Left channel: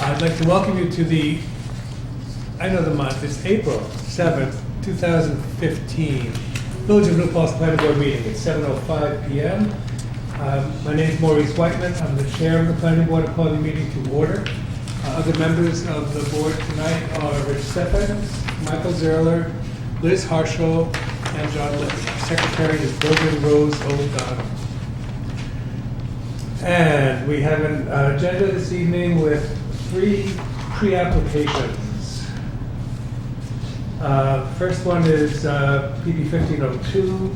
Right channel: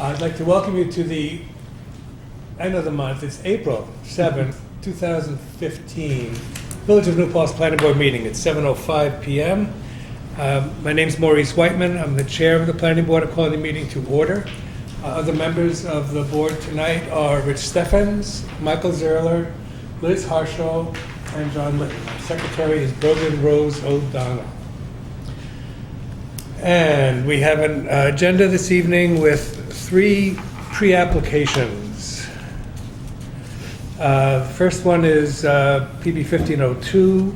I'd like to welcome you to the end of the month. It's April 7th, 2015. Village of New Paltz Planning Board meeting at 7:05 p.m. My name's Maurice Whiteman. I'm the chair of the Planning Board. I call the meeting to order. Other members of the board tonight are Rich Steffens, Michael Zerler, Liz Harshaw, and John Litton. Secretary is Brogan Rose O'Donnell. And we have an agenda this evening with 3 pre-applications. First one is PB 1502,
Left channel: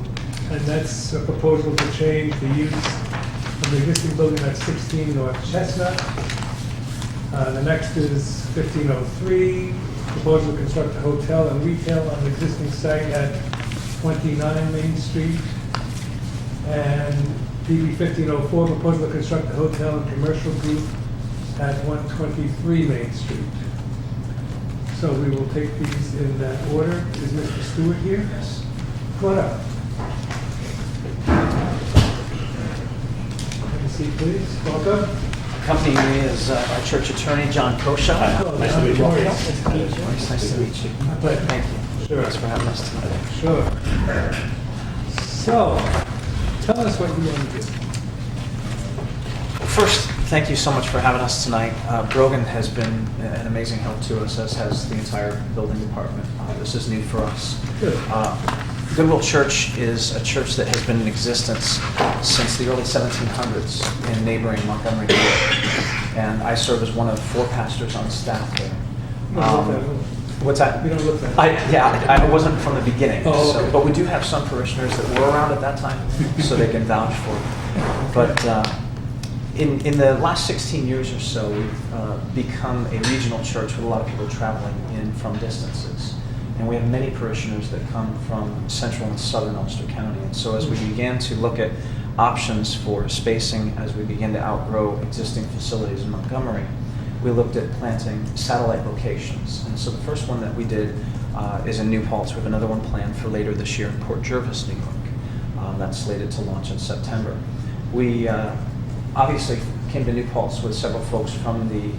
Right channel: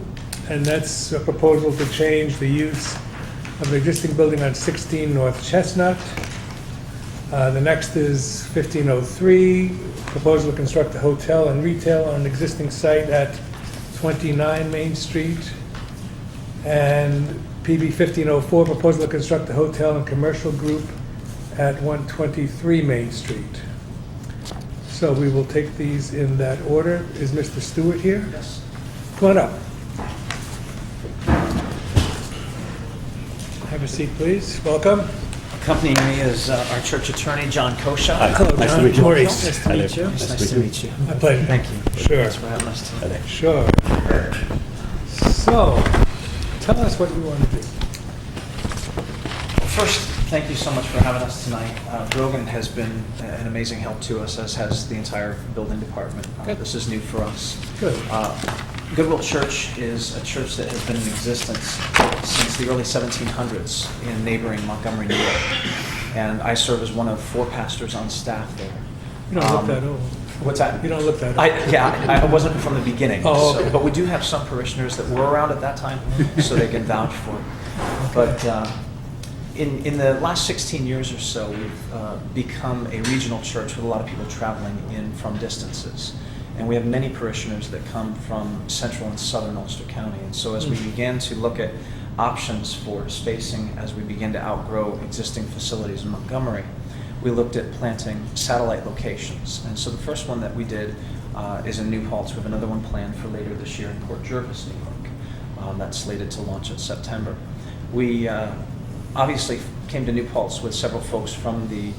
and that's a proposal to change the use of the existing building on 16 North Chestnut. The next is 1503, proposal to construct a hotel and retail on the existing site at 29 Main Street. And PB 1504, proposal to construct a hotel and commercial group at 123 Main Street. So we will take these in that order. Is Mr. Stewart here? Yes. Come on up. Have a seat, please. Welcome. Accompanying me is our church attorney, John Kosha. Nice to meet you. Maurice. Nice to meet you. Nice to meet you. My pleasure. Thank you. Sure. Thanks for having us today. Sure. So, tell us what you want to do. First, thank you so much for having us tonight. Brogan has been an amazing help to us, as has the entire building department. This is new for us. Good. Goodwill Church is a church that has been in existence since the early 1700s in neighboring Montgomery, New York. And I serve as one of 4 pastors on staff there. You don't look that old. What's that? You don't look that old. I wasn't from the beginning. Oh, okay. But we do have some parishioners that were around at that time, so they can vouch for it. But in the last 16 years or so, we've become a regional church with a lot of people traveling in from distances. And we have many parishioners that come from central and southern Ulster County. And so as we began to look at options for spacing, as we began to outgrow existing facilities in Montgomery, we looked at planting satellite locations. And so the first one that we did is in New Paltz. We have another one planned for later this year in Port Jervis, New York. That's slated to launch in September. We obviously came to New Paltz with several folks from the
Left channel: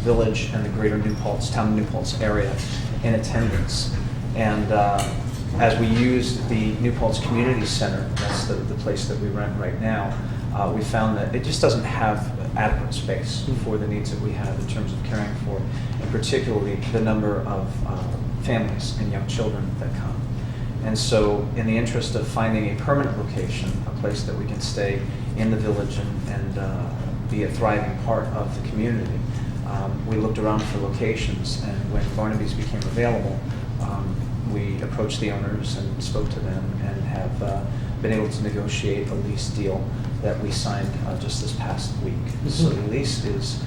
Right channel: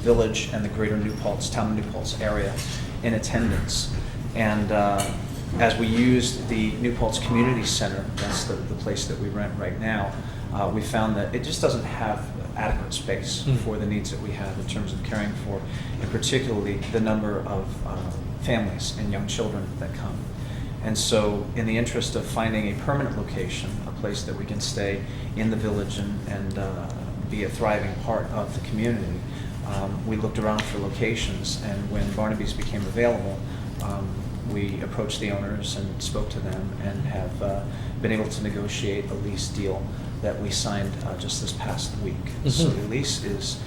village and the greater New Paltz, town of New Paltz area in attendance. And as we used the New Paltz Community Center, that's the place that we rent right now, we found that it just doesn't have adequate space for the needs that we have in terms of caring for, and particularly the number of families and young children that come. And so in the interest of finding a permanent location, a place that we can stay in the village and be a thriving part of the community, we looked around for locations, and when Barnaby's became available, we approached the owners and spoke to them and have been able to negotiate a lease deal that we signed just this past week. Mm-hmm. So the lease is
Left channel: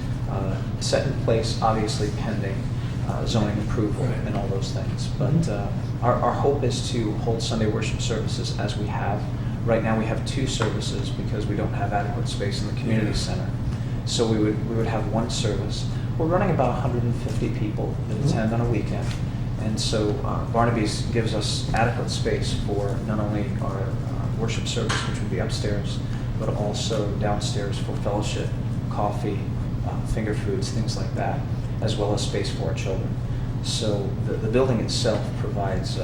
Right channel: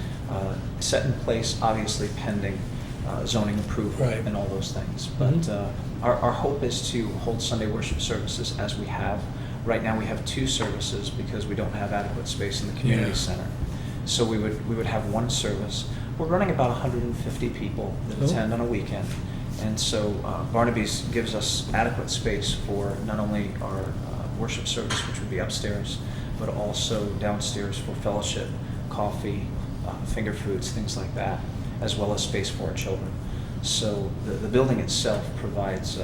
set in place, obviously pending zoning approval, right, and all those things. But our hope is to hold Sunday worship services as we have. Right now we have 2 services because we don't have adequate space in the community center. So we would have 1 service. We're running about 150 people that attend on a weekend. And so Barnaby's gives us adequate space for not only our worship service, which would be upstairs, but also downstairs for fellowship, coffee, finger foods, things like that, as well as space for our children. So the building itself provides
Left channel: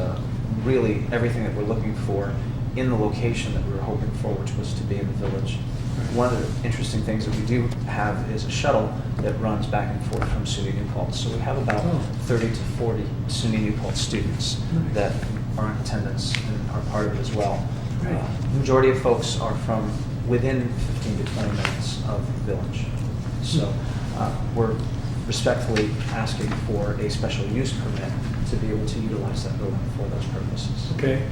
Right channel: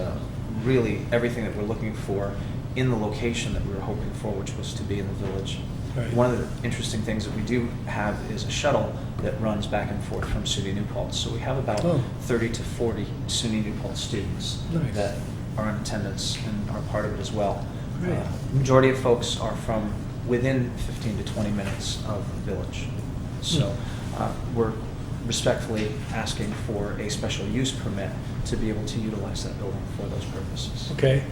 really everything that we're looking for in the location that we were hoping for, which was to be in the village. Right. One of the interesting things that we do have is a shuttle that runs back and forth from SUNY New Paltz. So we have about 30 to 40 SUNY New Paltz students that are in attendance and are part of it as well. Right. The majority of folks are from within 15 to 20 minutes of the village. So we're respectfully asking for a special use permit to be able to utilize that building for those purposes. Okay.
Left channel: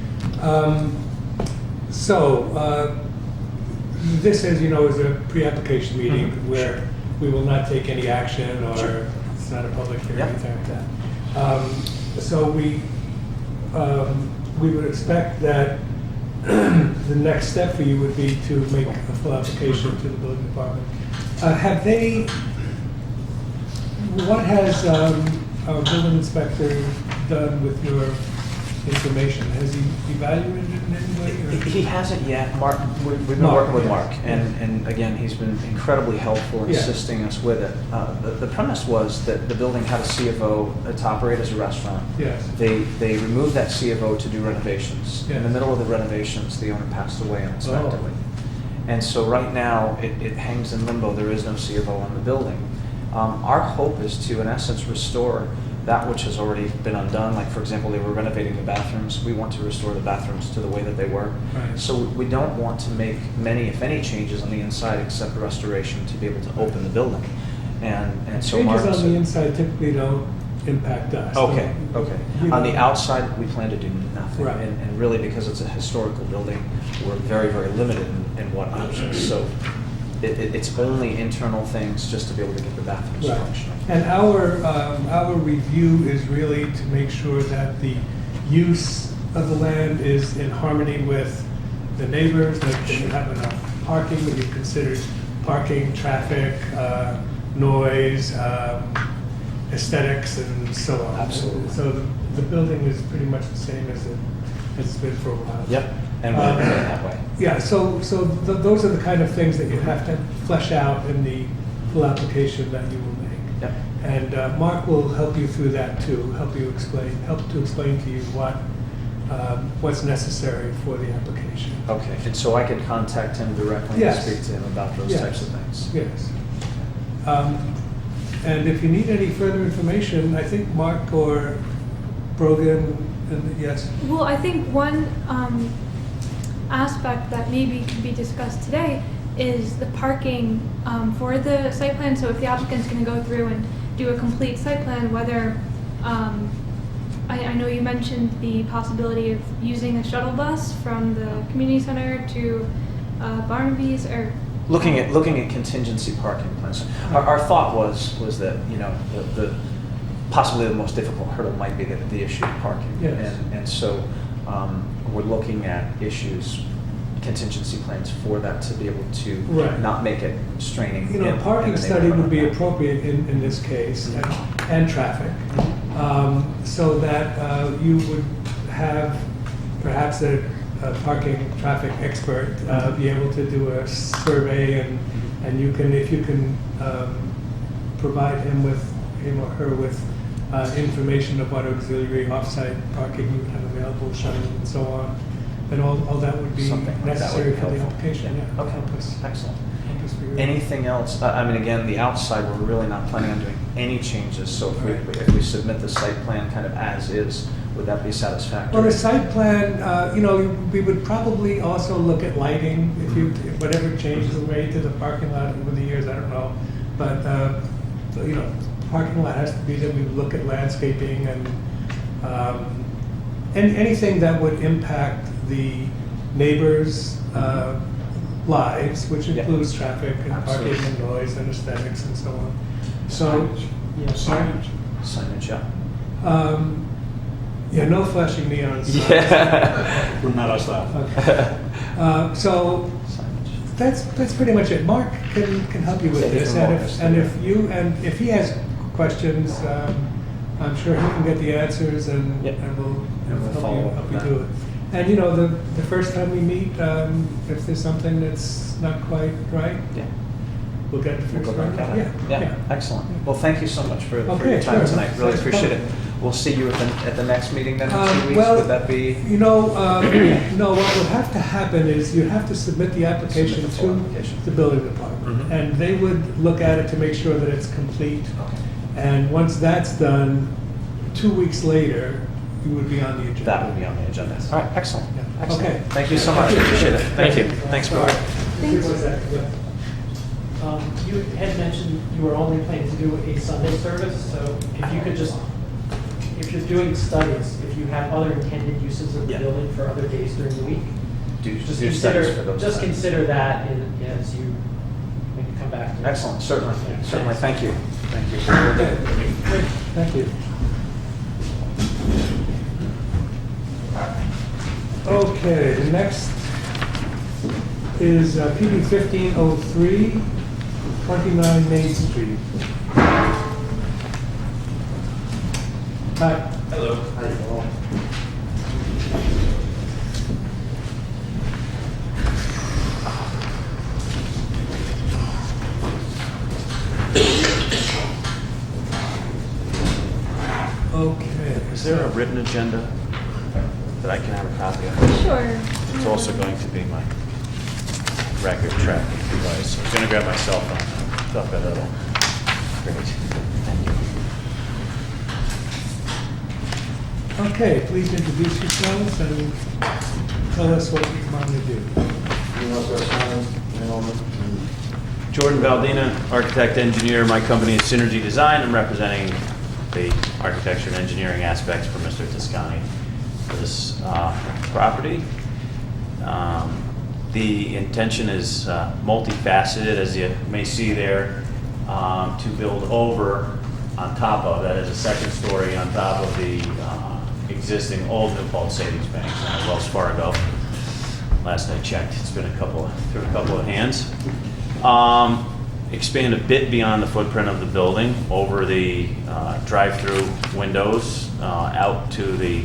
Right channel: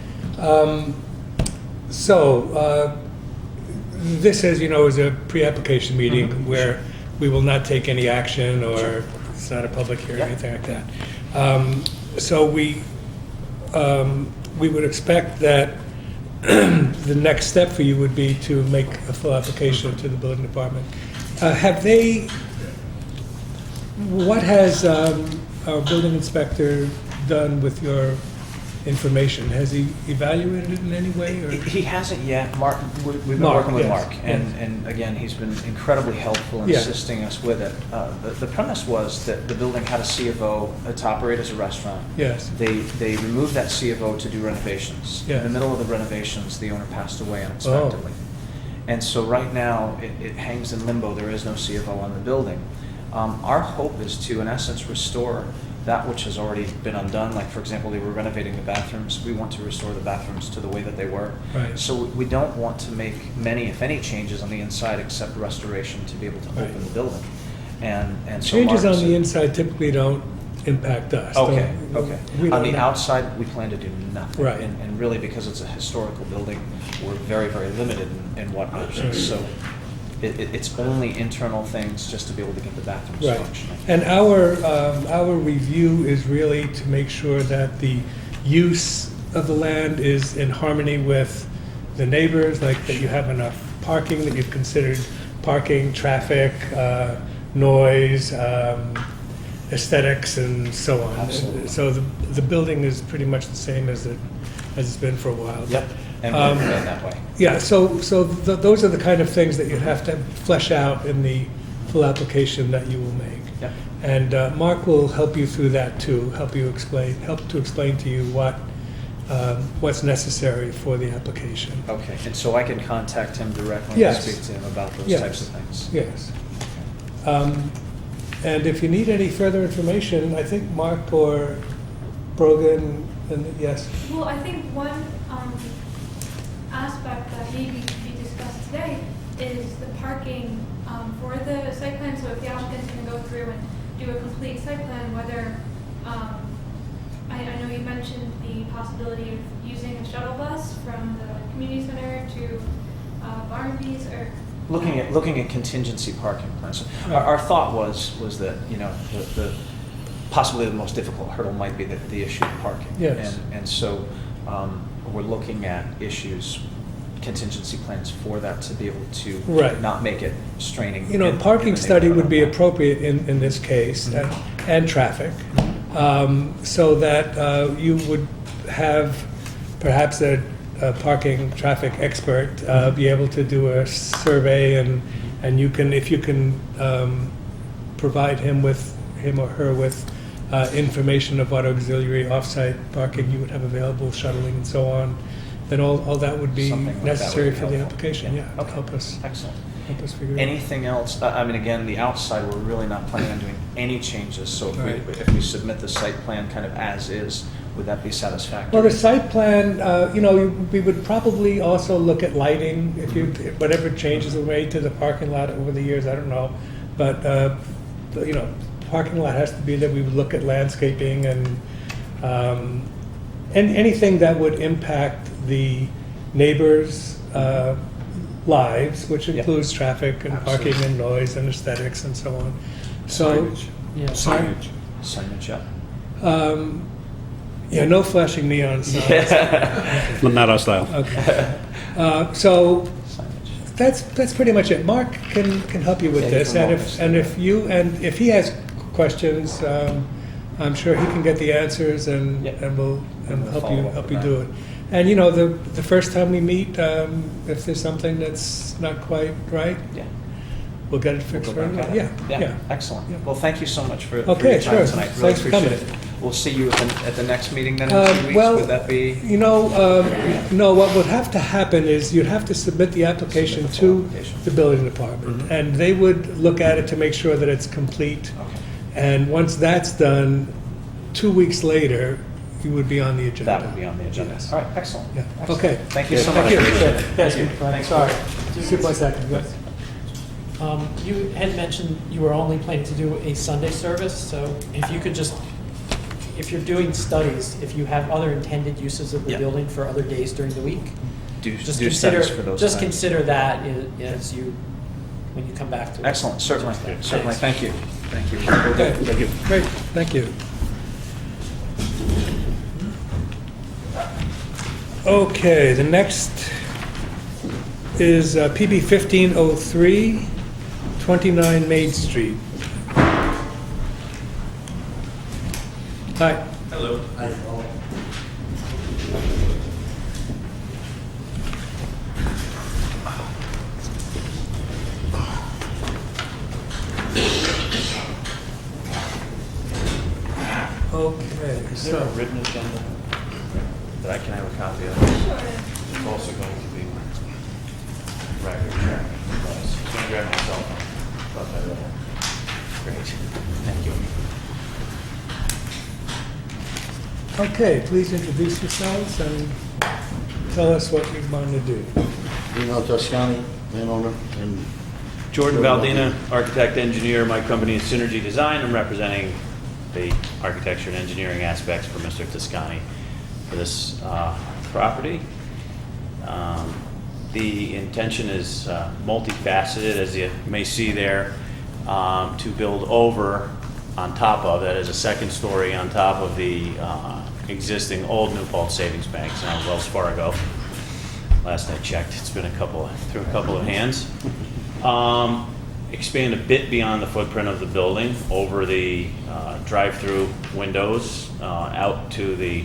This, as you know, is a pre-application meeting where we will not take any action, or it's not a public hearing or anything like that. So we would expect that the next step for you would be to make a full application to the building department. What has our building inspector done with your information. Has he evaluated it in any way? Or? He hasn't yet. Mark, we've been Mark, working with yes, Mark, yes. and again, he's been incredibly helpful in Yeah. assisting us with it. The premise was that the building had a C of O to operate as a restaurant. Yes. They removed that C of O to do renovations. In the Yes. middle of the renovations, the owner passed away unexpectedly. Oh. And so right now, it hangs in limbo. There is no C of O on the building. Our hope is to, in essence, restore that which has already been undone. Like, for example, they were renovating the bathrooms. We want to restore the bathrooms to the way that they were. Right. So we don't want to make many, if any, changes on the inside except restoration to be able to open the building. And so Changes Mark on the inside typically don't impact us. Okay, Don't- okay. we On don't- the outside, we plan to do nothing. Right. And really, because it's a historical building, we're very, very limited in what options. So it's only internal things just to be able to get the bathrooms Right. functioning. And our review is really to make sure that the use of the land is in harmony with the neighbors, like that you have enough parking, that you've considered parking, traffic, noise, aesthetics, and so on. Absolutely. So the building is pretty much the same as it's been for a while. Yep, and we'll remain that way. Yeah, so those are the kind of things that you have to flesh out in the full application that you will make. Yep. And Mark will help you through that too, help to explain to you what's necessary for the application. Okay, and so I can contact him directly and Yes. speak to him about those Yes. types of things? Yes. And if you need any further information, I think Mark or Brogan, and yes, Well, I think one aspect that maybe could be discussed today is the parking for the site plan. So if the applicant's going to go through and do a complete site plan, whether, I know you mentioned the possibility of using a shuttle bus from the community center to Barnaby's, or Looking at contingency parking plans. Our thought was that, you know, the possibly the most difficult hurdle might be the issue of parking. Yes. And so we're looking at contingency plans for that to be able to Right. not make it straining. you know, in- parking in the study would be neighborhood. appropriate in this case, Mhm. and traffic. Mhm. So that you would have perhaps a parking traffic expert be able to do a survey, and you can, if you can provide him or her with information of what auxiliary off-site parking you would have available, shuttling and so on, then all that would be Something like that would necessary be for the helpful. application, yeah. Okay. Help us Excellent. figure it out. Anything else? I mean, again, the outside, we're really not planning on doing any changes. So Right. if we submit the site plan kind of as is, would that be satisfactory? Well, the site plan, we would probably also look at lighting, if whatever changes were made to the parking lot over the years, I don't know. But, parking lot has to be that we would look at landscaping and anything that would impact the neighbors' lives, which Yep. includes traffic and parking Absolutely. and noise and aesthetics and so on. So, Signage. Signage up. yeah, no flashing neon signs. Yeah. Not our style. Okay. So Signage. that's pretty much it. Mark can help you with Yeah, he this, can and walk us through if he has questions, I'm sure he can get the answers, and Yeah. we'll And we'll follow up help with you do that. it. And the first time we meet, if there's something that's not quite right, Yeah. we'll get it We'll fixed go right back away. at it. Yeah. Excellent. Well, thank you so much for Okay, your time sure. tonight. Really Thanks for appreciate it. coming. We'll see you at the next meeting then in 2 weeks. Well, Would that be? No, what would have to happen is you'd have to submit the application Submit the full to application. the building department. Mhm. And they would look at it to make sure that it's complete. Okay. And once that's done, 2 weeks later, you would be on the agenda. That would be on the agenda. All right, excellent. Yeah. Excellent. Okay. Thank you so Thank much. you. Appreciate it. Thank Thank you. you. Thanks, Sorry, Mark. just one second. You had mentioned you were only planning to do a Sunday service, so if you could just, if you're doing studies, if you have other intended uses of the Yeah. building for other days during the week, Do just studies for consider, those. just times. consider that as you, when you come back to it. Excellent, certainly, certainly. Thanks. Thank you. Thank you. Will do. Okay, great, thank you. Okay, the next is PB 1503, 29 Main Street. Hi. Hello. Okay. Is there a so- written agenda that I can have a copy of? Sure. It's also going to be my record track device. I'm gonna grab my cell phone. Thought that little. Great, thank you. Okay, please introduce yourselves and tell us what you want to do. Jordan Valdina, architect, engineer. My company is Synergy Design. I'm representing the architecture and engineering aspects for Mr. Toscani for this property. The intention is multifaceted, as you may see there, to build over on top of, that is a second story on top of the existing old New Paltz Savings Bank, now Wells Fargo. Last I checked, it's been through a couple of hands. Expand a bit beyond the footprint of the building, over the drive-through windows, out to the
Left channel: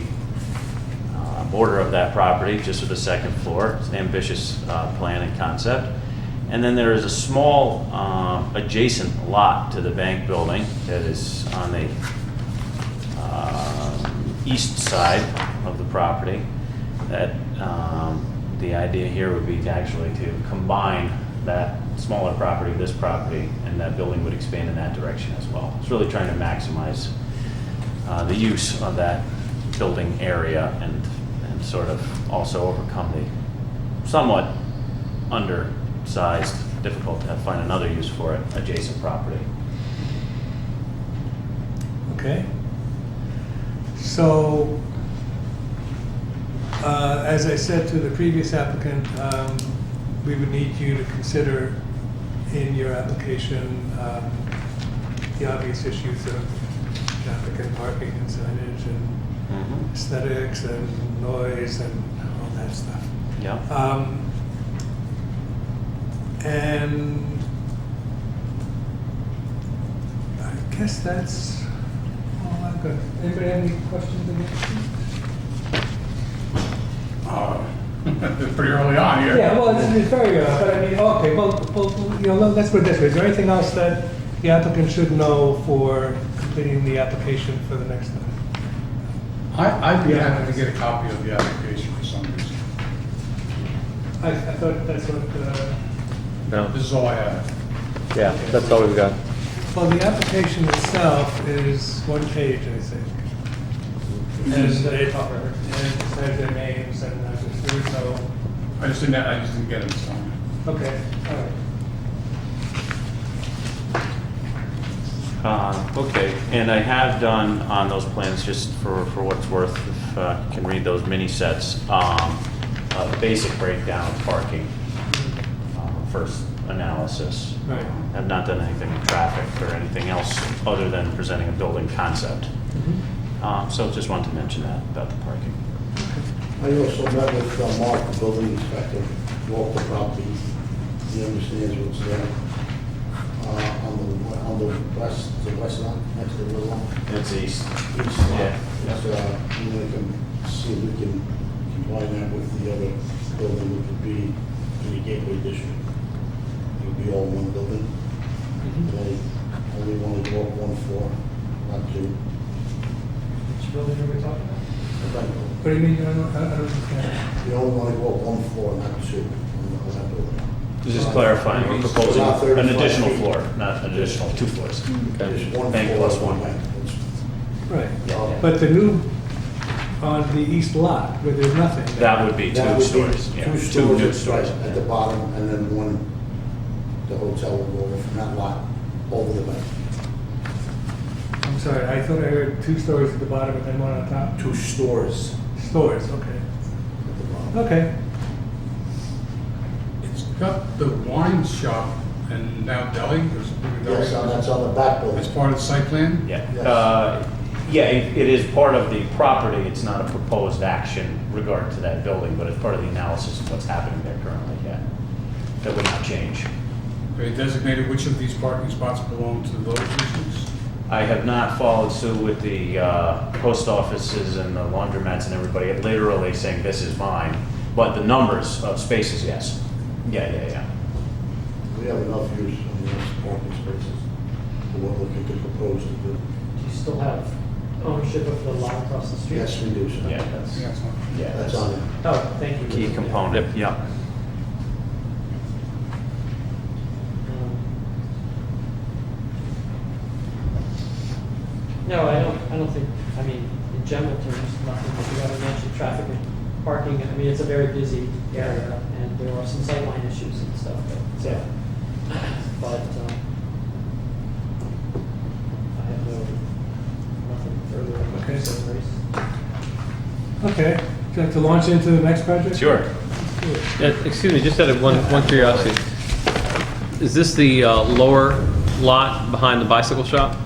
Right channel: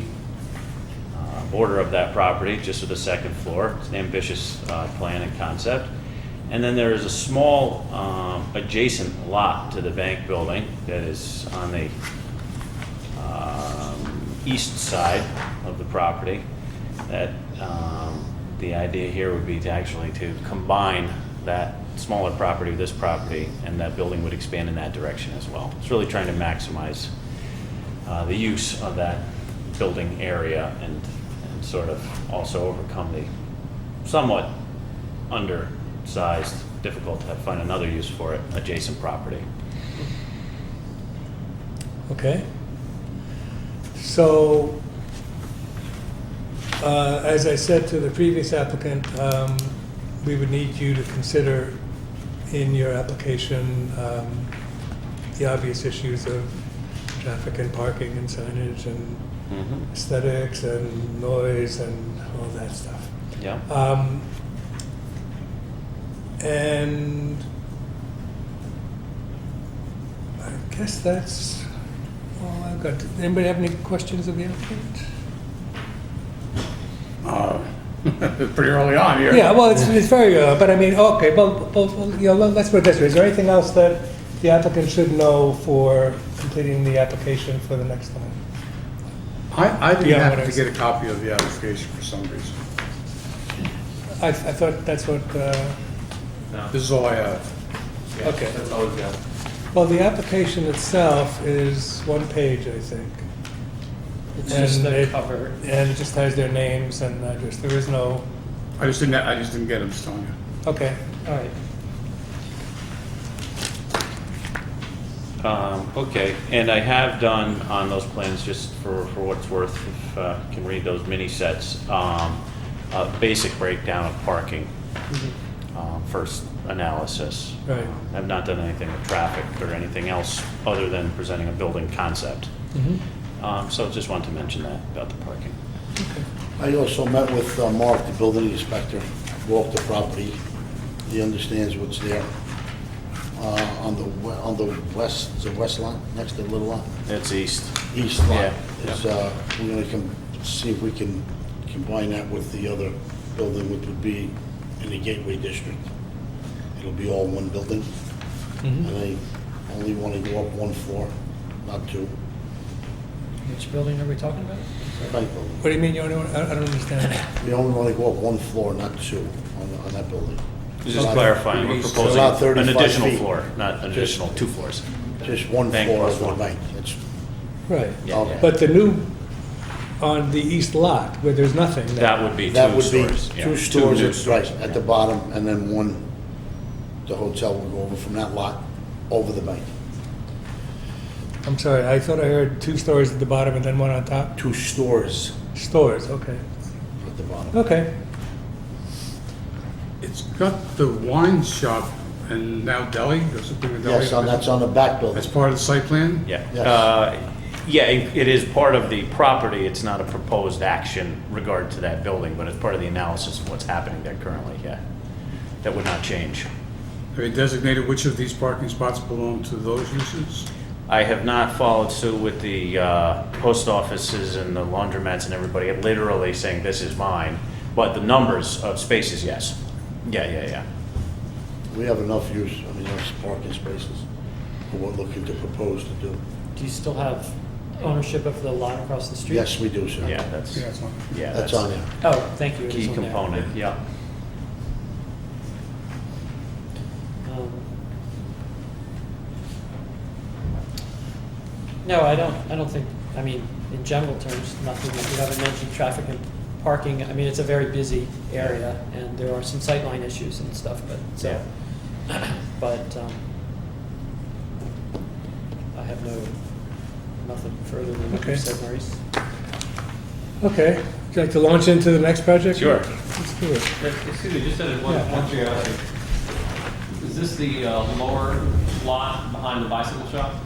border of that property, just to the second floor. It's an ambitious plan and concept. And then there is a small adjacent lot to the bank building that is on the east side of the property. That the idea here would be to actually to combine that smaller property with this property, and that building would expand in that direction as well. It's really trying to maximize the use of that building area and sort of also overcome the somewhat undersized, difficult to find another use for it, adjacent property. Okay. So, as I said to the previous applicant, we would need you to consider in your application the obvious issues of traffic and parking and signage and aesthetics and noise and all that stuff. Yeah. And I guess that's all I've got. Anybody have any questions of the applicant? Pretty early on here. Yeah, well, it's very good, but I mean, okay, well, let's put it this way. Is there anything else that the applicant should know for completing the application for the next time? I'd be Yeah, happy what to is- get a copy of the application for some reason. I thought that's what, No. This is all I have. Yeah, Okay. that's all we've got. well, the application itself is one page, I think. It's just the it- cover. And it just has their names and just, there is no, I just didn't get them this time yet. okay. All right. Okay, and I have done on those plans, just for what it's worth, if you can read those mini sets, a basic breakdown of parking, first analysis. Right. I've not done anything with traffic or anything else other than presenting a building concept. So just wanted to mention that about the parking. I also met with Mark, the building inspector, walked the property. He understands what's there. On the west, the west lot, next to the little lot, It's east. east lot. Yeah. Is, we're gonna see if we can combine that with the other building, which would be in the Gateway District. It'll be all one building, and I only want to go up one floor, not two. Which building are we talking about? The bank building. What do you mean, you want to, I don't understand. We only want to go up one floor, not two, on that building. Just clarifying, we're It's proposing about an 35 additional feet. floor, not an additional 2 floors. Just one Bank floor plus of the one. bank. That's Right. Yeah, yeah. But the new, on the east lot, where there's nothing. That would be That 2 would be stores. yeah, two new stores, right, stores. at the bottom, and then one, the hotel will go over from that lot over the bank. I'm sorry, I thought I heard 2 stores at the bottom and then one on top? 2 stores Stores, okay. at the bottom. Okay. It's got the wine shop and now deli, there's a big deli. Yes, and that's on the back building. That's part of the site plan? Yeah. Yes. Yeah, it is part of the property. It's not a proposed action regard to that building, but it's part of the analysis of what's happening there currently, yeah. That would not change. Have they designated which of these parking spots belong to those uses? I have not followed suit with the post offices and the laundromats and everybody literally saying this is mine, but the numbers of spaces, yes. Yeah. We have enough use of these parking spaces for what we're looking to propose to do. Do you still have ownership of the lot across the street? Yes, we do, sir. Yeah, that's, yeah, That's on there. Oh, thank you. It was key in there. component, yep. Um, No, I don't think, I mean, in general terms, nothing that you haven't mentioned, traffic and parking, I mean, it's a very busy area, and there are some sightline issues and stuff, but, so, but, I have nothing further than Okay. you said, Maurice. Okay, would you like to launch into the next project? Sure. Let's do it. Excuse me, just out of one curiosity. Is this the lower lot behind the bicycle shop?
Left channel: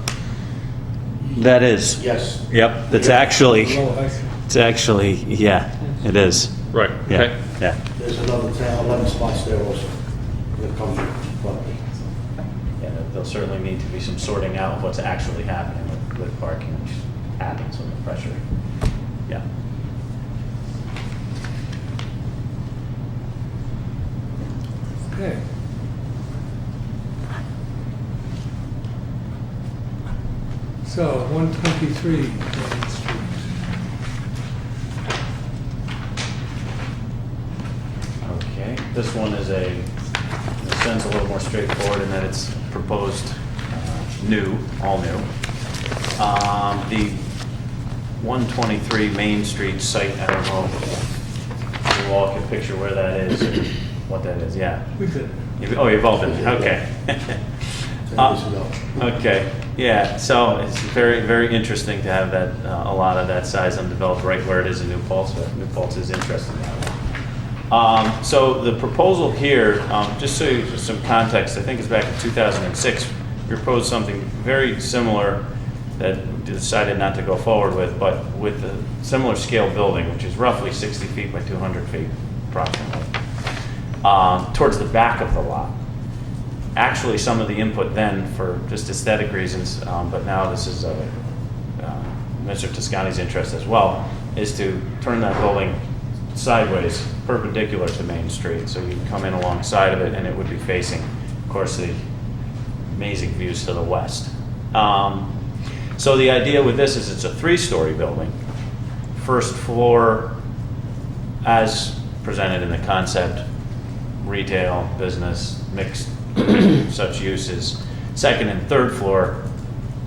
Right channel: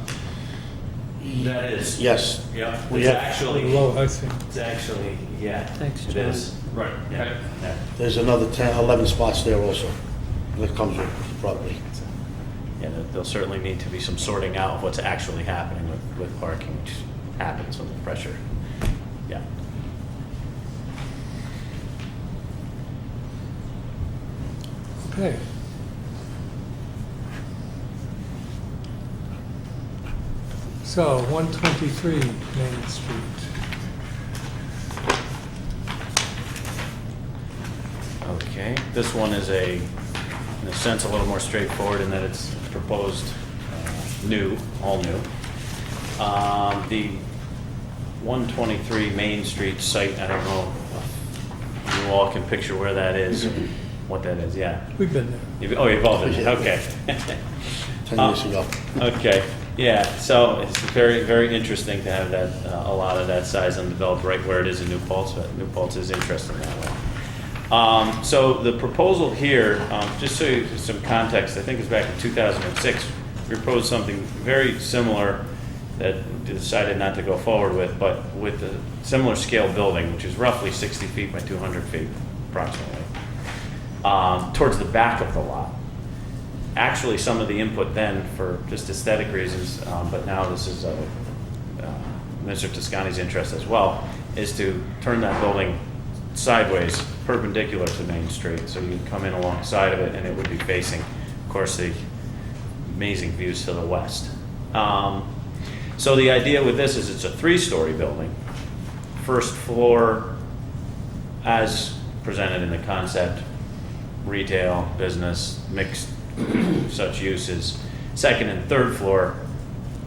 That is. Yes. Yep, it's Yeah. actually, Well, I see. it's actually, yeah, Thanks. it is. Right, Yeah, okay. yeah. There's another 10, 11 spots there also that comes with the property. Yeah, there'll certainly need to be some sorting out of what's actually happening with parking, which happens with the pressure. Yeah. Okay. So, 123 Main Street. Okay, this one is in a sense, a little more straightforward in that it's proposed new, all new. The 123 Main Street site, I don't know if you all can picture where that is and what that is, yeah. We've been there. Oh, you've all been, okay. 10 years ago. Okay, yeah, so it's very, very interesting to have that, a lot of that size undeveloped right where it is in New Paltz, but New Paltz is interesting that way. So the proposal here, just so you some context, I think it's back in 2006, we proposed something very similar that we decided not to go forward with, but with a similar scale building, which is roughly 60 feet by 200 feet approximately, towards the back of the lot. Actually, some of the input then for just aesthetic reasons, but now this is Mr. Toscani's interest as well, is to turn that building sideways, perpendicular to Main Street. So you can come in alongside of it and it would be facing, of course, the amazing views to the west. So the idea with this is it's a 3-story building. First floor, as presented in the concept, retail, business, mixed such uses. Second and third floor,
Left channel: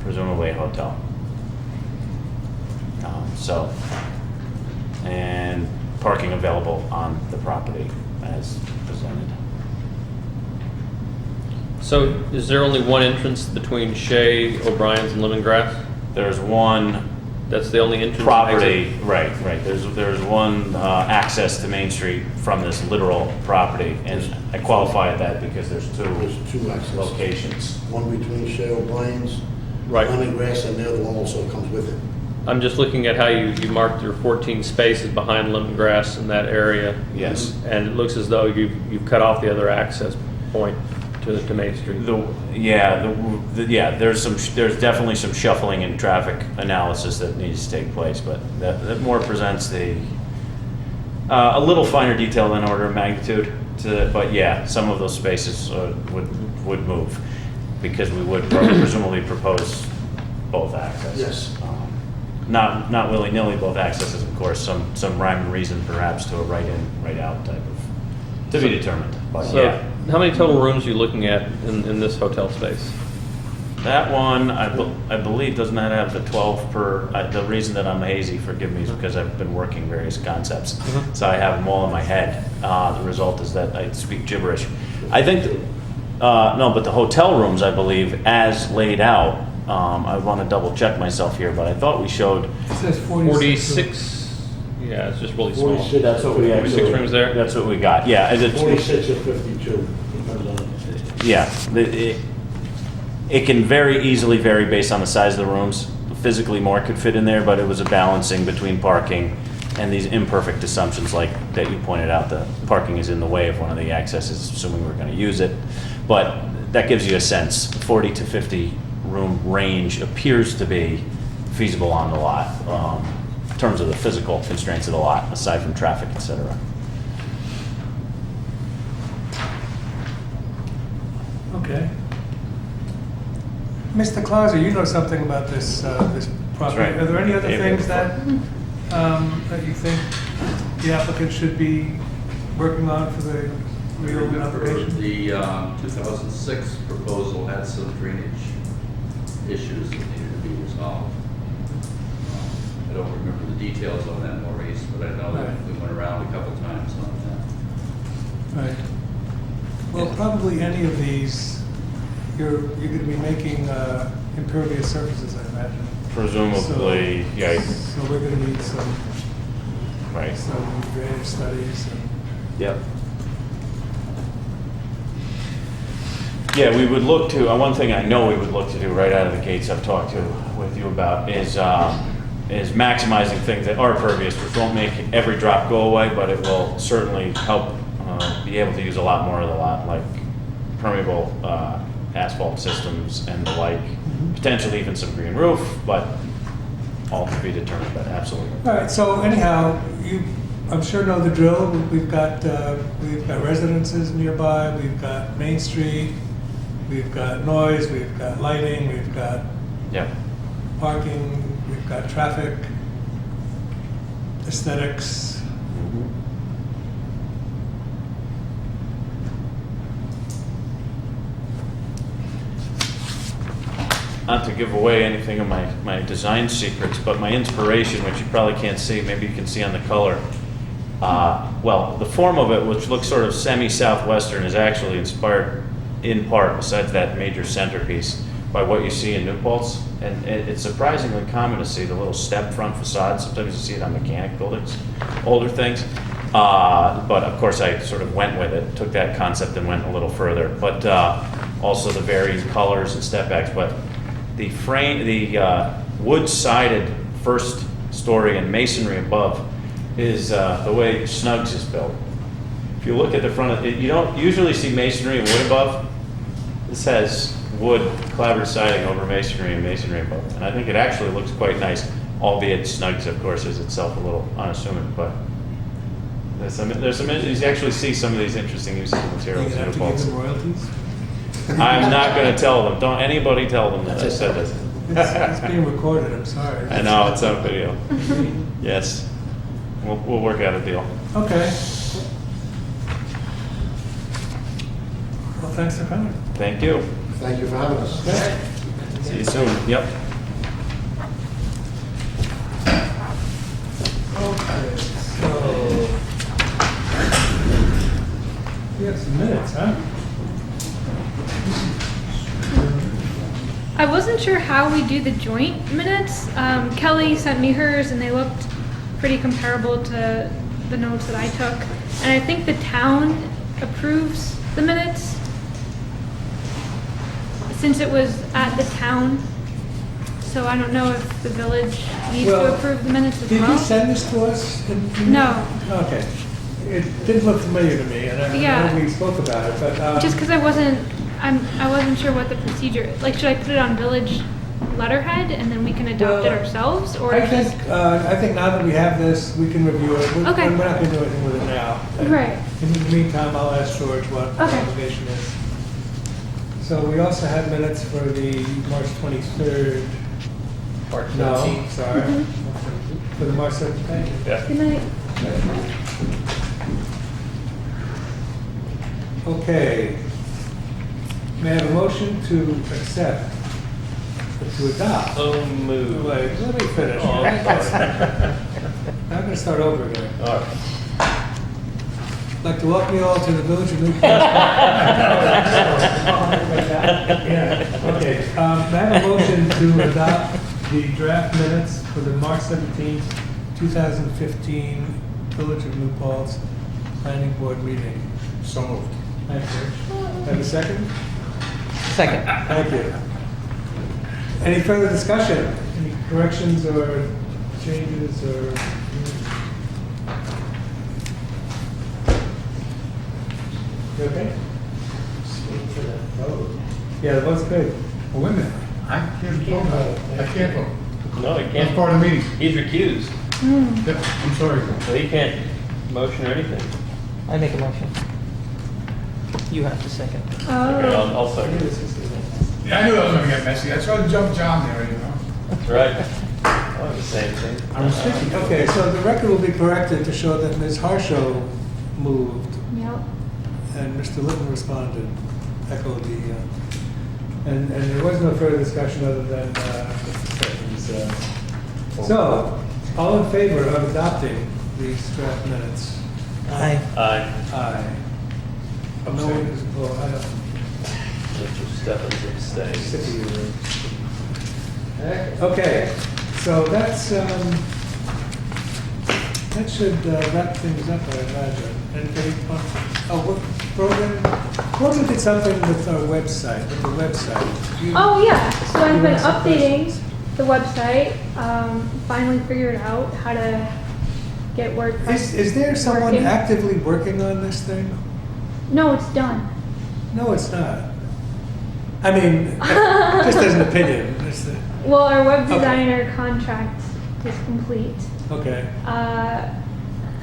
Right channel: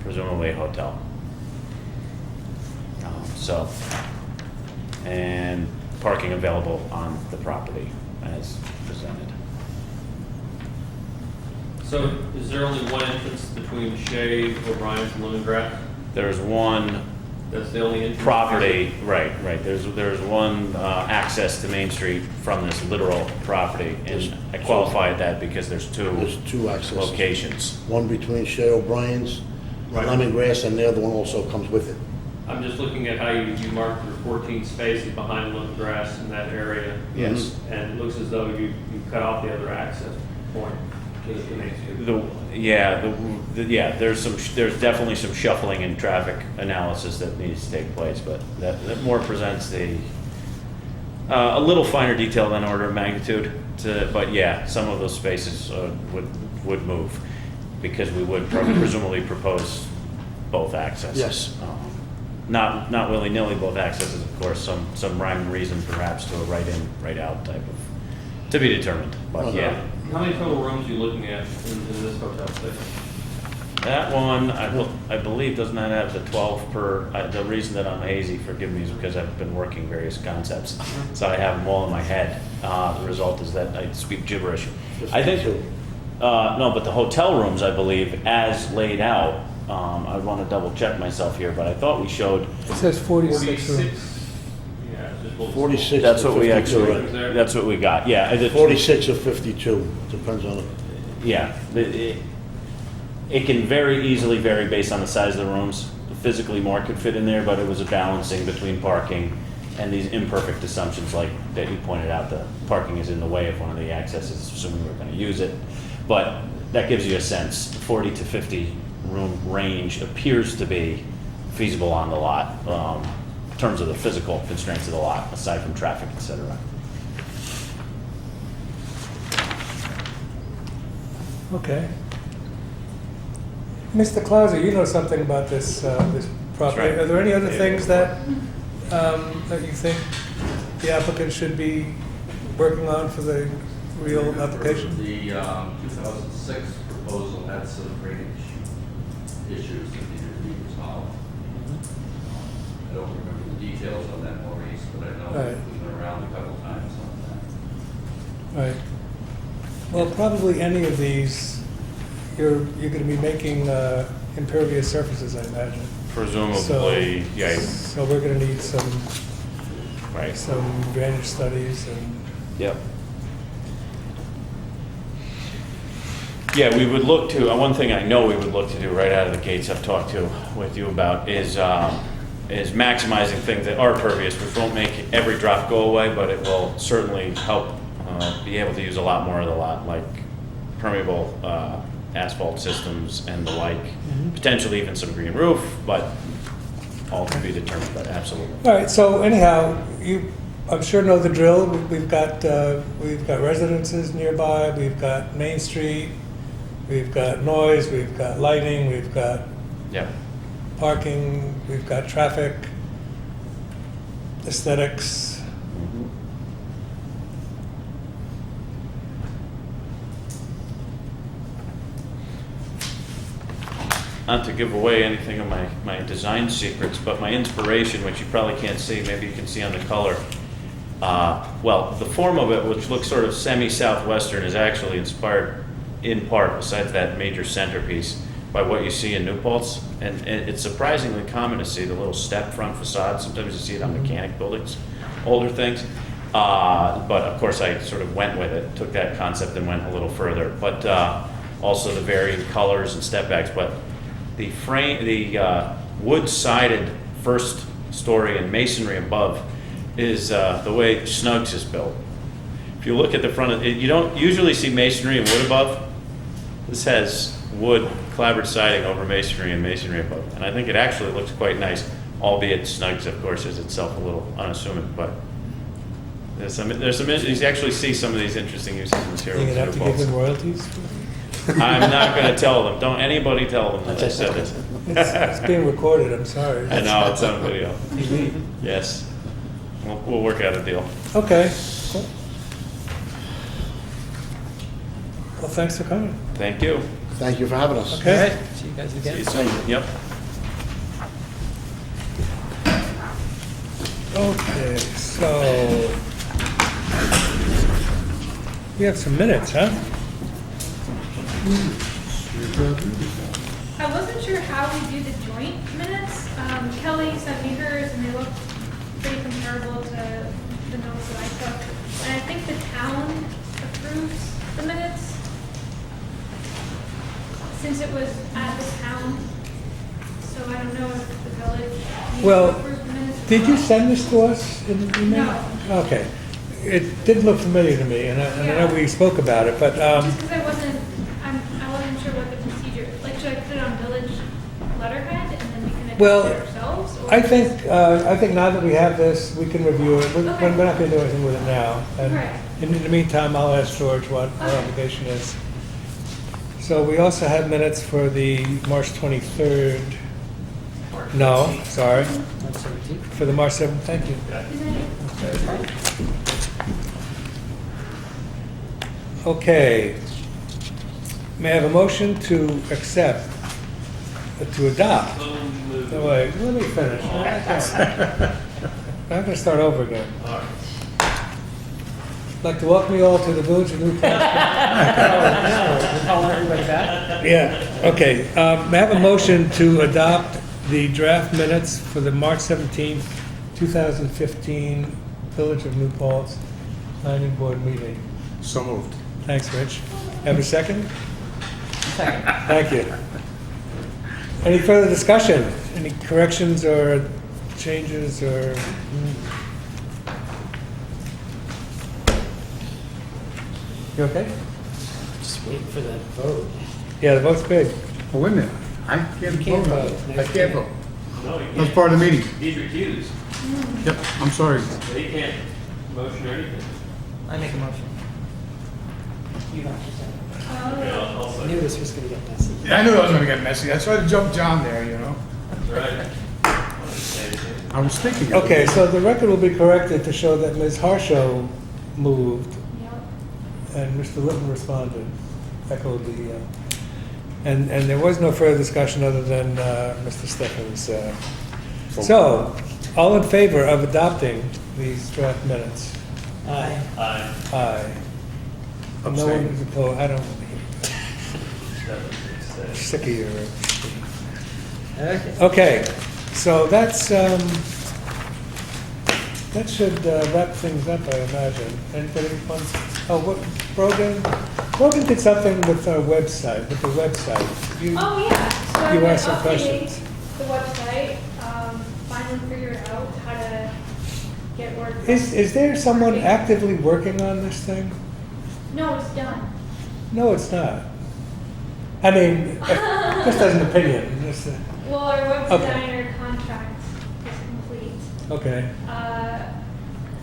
presumably a hotel. And parking available on the property as presented. So is there only one entrance between Shea, O'Brien's, and Lemongrass? There's one That's the only entrance? property, right. There's one access to Main Street from this literal property, and I qualified that because there's two There's 2 accesses. locations. One between Shea O'Brien's, Right. Lemongrass, and the other one also comes with it. I'm just looking at how you marked your 14 spaces behind Lemongrass in that area. Yes. And it looks as though you cut off the other access point to Main Street. There's definitely some shuffling and traffic analysis that needs to take place, but that more presents a little finer detail than order of magnitude. But yeah, some of those spaces would move because we would presumably propose both accesses. Yes. Not willy-nilly both accesses, of course, some rhyme and reason perhaps to a right in, right out type of, to be determined, but So yeah. how many total rooms are you looking at in this hotel space? That one, I believe, does not have the 12 per, the reason that I'm hazy, forgive me, is because I've been working various concepts. So I have them all in my head. The result is that I speak gibberish. I think, no, but the hotel rooms, I believe, as laid out, I want to double check myself here, but I thought we showed, It says 46. 46? Yeah, it's just really small. 46. that's what we 46 actually, rooms there? that's what we got, yeah. Is it- 46 or 52, depends on it. Yeah, it can very easily vary based on the size of the rooms. Physically, more could fit in there, but it was a balancing between parking and these imperfect assumptions like that you pointed out, the parking is in the way of one of the accesses, assuming we're going to use it. But that gives you a sense, 40 to 50 room range appears to be feasible on the lot, in terms of the physical constraints of the lot, aside from traffic, et cetera. Okay. Mr. Clauser, you know something about this, this property. right. Are there any other David, things that you think the applicant should be working on for the real Remember, application? the 2006 proposal had some drainage issues that needed to be resolved. I don't remember the details on that, Maurice, but I know that Right. we went around a couple times on that. Right. Well, probably any of these, you're going to be making impervious surfaces, I imagine. Presumably, So- yeah, So we're going to need some right. drainage studies and. Yep. Yeah, we would look to, one thing I know we would look to do right out of the gates I've talked with you about is maximizing things that are pervious, which won't make every drop go away, but it will certainly help be able to use a lot more of the lot, like permeable asphalt systems and the like, potentially even some green roof, but all to be determined, but absolutely. All right, so anyhow, you, I'm sure know the drill. We've got residences nearby, we've got Main Street, we've got noise, we've got lighting, we've got Yep. parking, we've got traffic, aesthetics. Mhm. Not to give away anything of my design secrets, but my inspiration, which you probably can't see, maybe you can see on the color. Well, the form of it, which looks sort of semi-southwestern, is actually inspired in part, besides that major centerpiece, by what you see in New Paltz. And it's surprisingly common to see the little step front facade. Sometimes you see it on mechanic buildings, older things. But of course, I sort of went with it, took that concept and went a little further. But also the varying colors and step backs. But the frame, the wood-sided first story and masonry above is the way Snuggs is built. If you look at the front of it, you don't usually see masonry and wood above. This has wood clapboard siding over masonry and masonry above. And I think it actually looks quite nice, albeit Snuggs, of course, is itself a little unassuming. But there's some you actually see some of these interesting uses of You materials. have in to New give Paltz. them royalties. I'm not going to tell them. Don't anybody tell them that I said this. It's being recorded, I'm sorry. I know, it's on video. Yes. We'll work out a deal. Okay. Well, thanks for coming. Thank you. Thank you for having us. Okay. See you soon. Yep. Okay, so we have some minutes, huh? I wasn't sure how we do the joint minutes. Kelly sent me hers and they looked pretty comparable to the notes that I took. And I think the town approves the minutes since it was at the town. So I don't know if the village needs Well, to approve the minutes as Did you well. send this to us? No. Okay. It didn't look familiar to me, and I Yeah. know we spoke about it, but, Just because I wasn't sure what the procedure, like, should I put it on village letterhead and then we can adopt Well, it ourselves? Or I just- think now that we have this, we can review it. Okay. We're not gonna do anything with it now. And Right. In the meantime, I'll ask George what our Okay. obligation is. So we also have minutes for the March 23rd. No, sorry. For the March 7th, thank you. Good night. Okay. May I have a motion to accept, to adopt? Oh, wait, let me finish. I'm gonna start over again. All right. I'd like to welcome you all to the Village of New Paltz. Yeah, okay. May I have a motion to adopt the draft minutes for the March 17th, 2015 Village of New Paltz Planning Board meeting? So moved. Thanks, Rich. Have a second? Second. Thank you. Any further discussion? Any corrections or changes or? You okay? Just waiting for the vote. Yeah, the vote's good. Well, wait a minute. I can't can't vote. vote. I can't vote. No, he That's can't. part of the meeting. He's recused, Yep, I'm sorry. so he can't motion or anything. I make a motion. You have to second. Okay, Oh, I'll I knew second. this was gonna get messy. Yeah, I knew I was gonna get messy. I tried to jump John there, you know. That's right. I wasn't saying anything. I was thinking. Okay, so the record will be corrected to show that Ms. Harshaw moved yep. and Mr. Litton responded, echoed the, and there was no further discussion other than Mr. Steffens. So, all in favor of adopting these draft minutes? Aye. Aye. Aye. No one Abstain. is opposed, I don't, Steffens is I'm saying. sick of you. Okay, so that's, that should wrap things up, I imagine. Anybody want, oh, what, Brogan did something with our website, with the website. You- Oh, yeah, so I've You been asked some updating questions. the website, finally figured out how to get WordPress. Is there someone working. actively working on this thing? No, it's done. No, it's not. I mean, just as an opinion, Well, our web Okay. designer contract is complete. okay,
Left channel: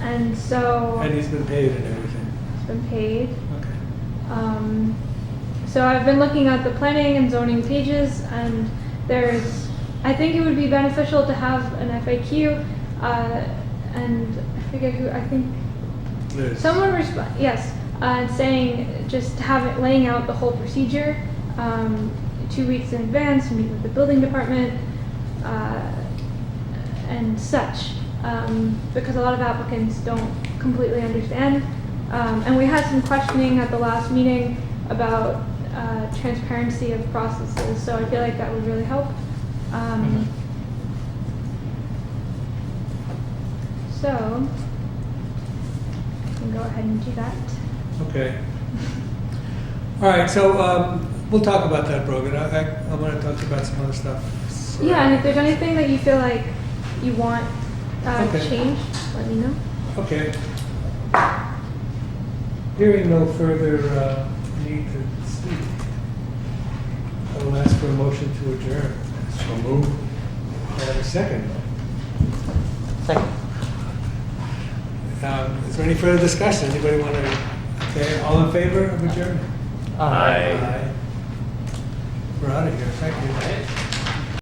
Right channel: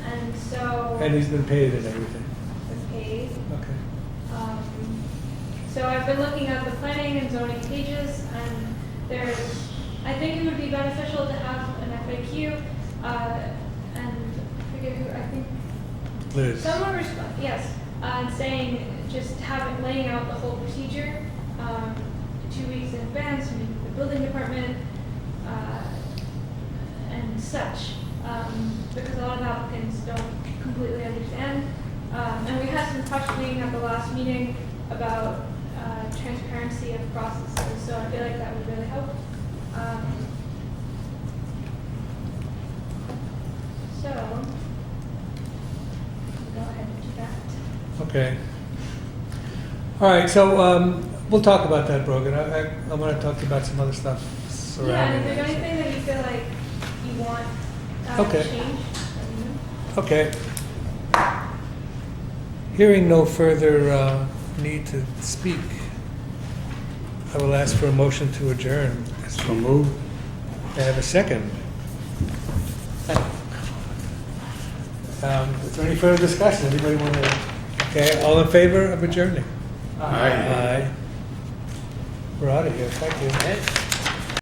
And so and he's been paid and everything, it's been paid. okay. So I've been looking at the planning and zoning pages, and I think it would be beneficial to have an FAQ, and I forget who, I think Liz? someone yes, saying just have it laying out the whole procedure, 2 weeks in advance, meet with the building department, and such, because a lot of applicants don't completely understand. And we had some questioning at the last meeting about transparency of processes, so I feel like that would really help. So, I can go ahead and do that. Okay. All right, so we'll talk about that, Brogan. I want to talk to you about some other stuff. Yeah, and if there's anything that you feel like you want Okay. changed, let me know. Okay. Hearing no further need to speak, I will ask for a motion to adjourn. So move. Can I have a second? Is there any further discussion? Anybody want to? Okay, all in favor of adjourning? Aye. We're out of here. Thank you.